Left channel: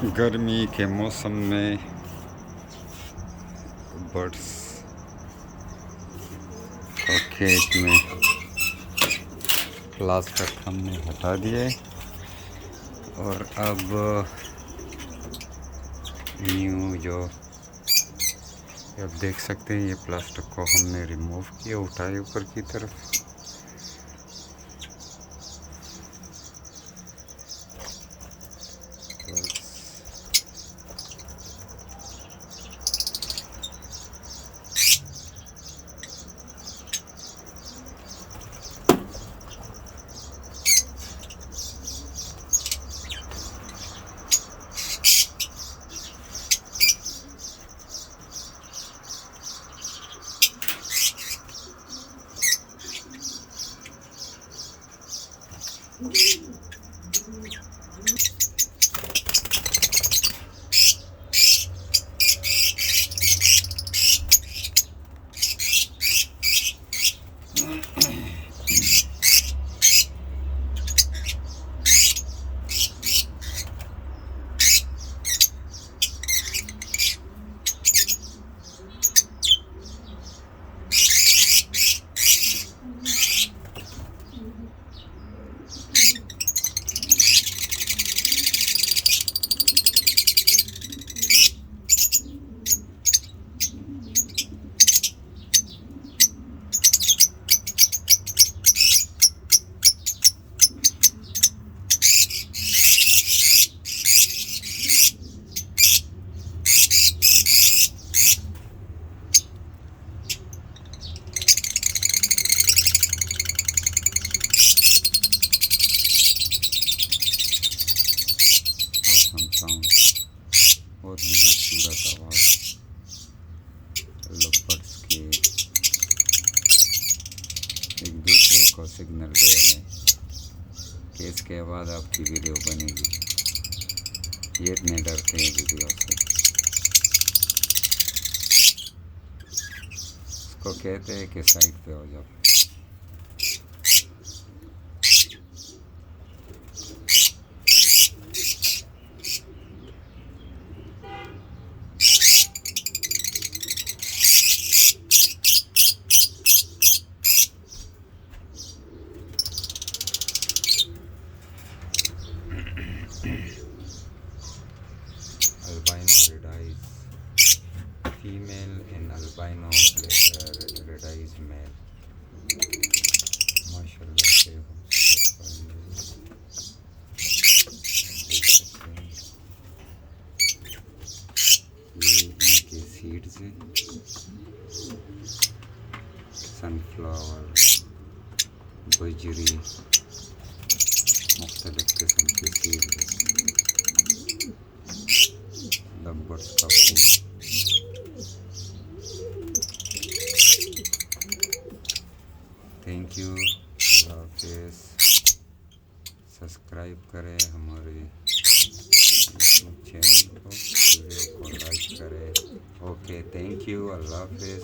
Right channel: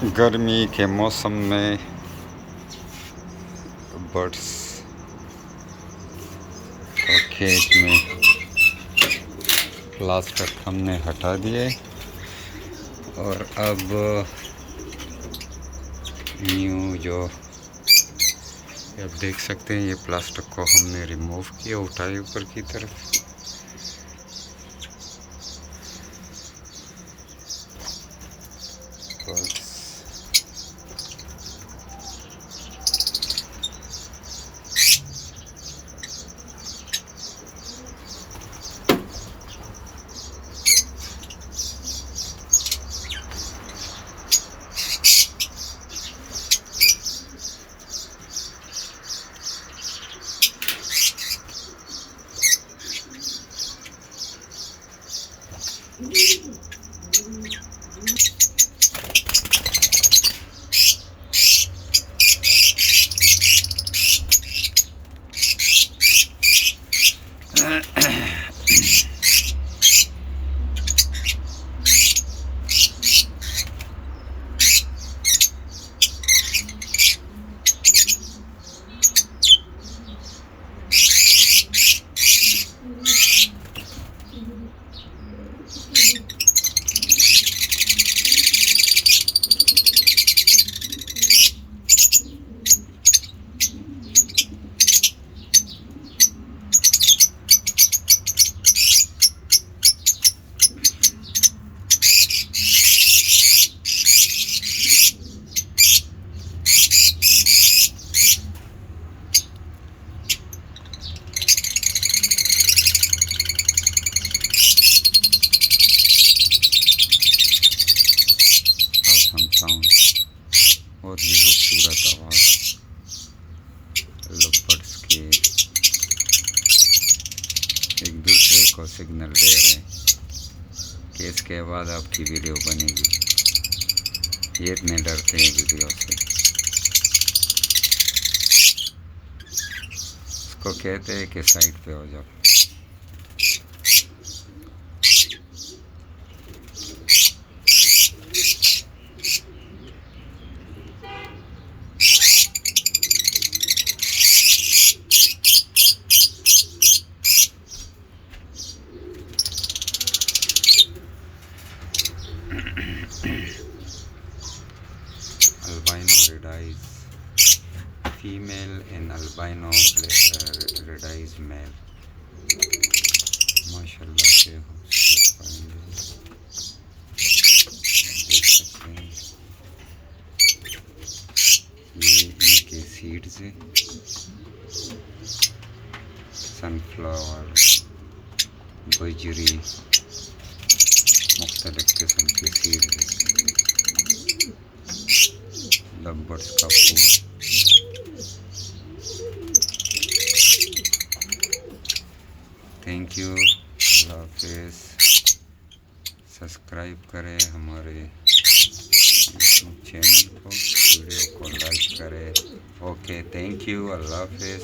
गर्मी के मौसम में बर्ड्स को खेत में प्लास्टिक हमने हटा दिए और अब न्यू जो आप देख सकते हैं, ये प्लास्टिक को हमने रिमूव किया, उठाए ऊपर की तरफ। बहुत ही खूबसूरत आवाज़ लव बर्ड्स की एक दूसरे को सिग्नल दे रहे हैं कि इसके बाद आपकी वीडियो बनेगी। ये इतने डरते हैं वीडियो से। इसको कहते हैं कि साइड पे हो जाओ। Albino Redies female and albino Redies male। माशाल्लाह से देख सकते हैं, ये इनके सीड्स हैं, सनफ्लावर, बजरी, मुख्तलिफ किस्म के सीड्स हैं। लव बर्ड्स का फूल। थैंक यू, अल्लाह हाफिज़। सब्सक्राइब करें हमारे यूट्यूब चैनल को, वीडियो को लाइक करें। ओके, थैंक यू, अल्लाह हाफिज़।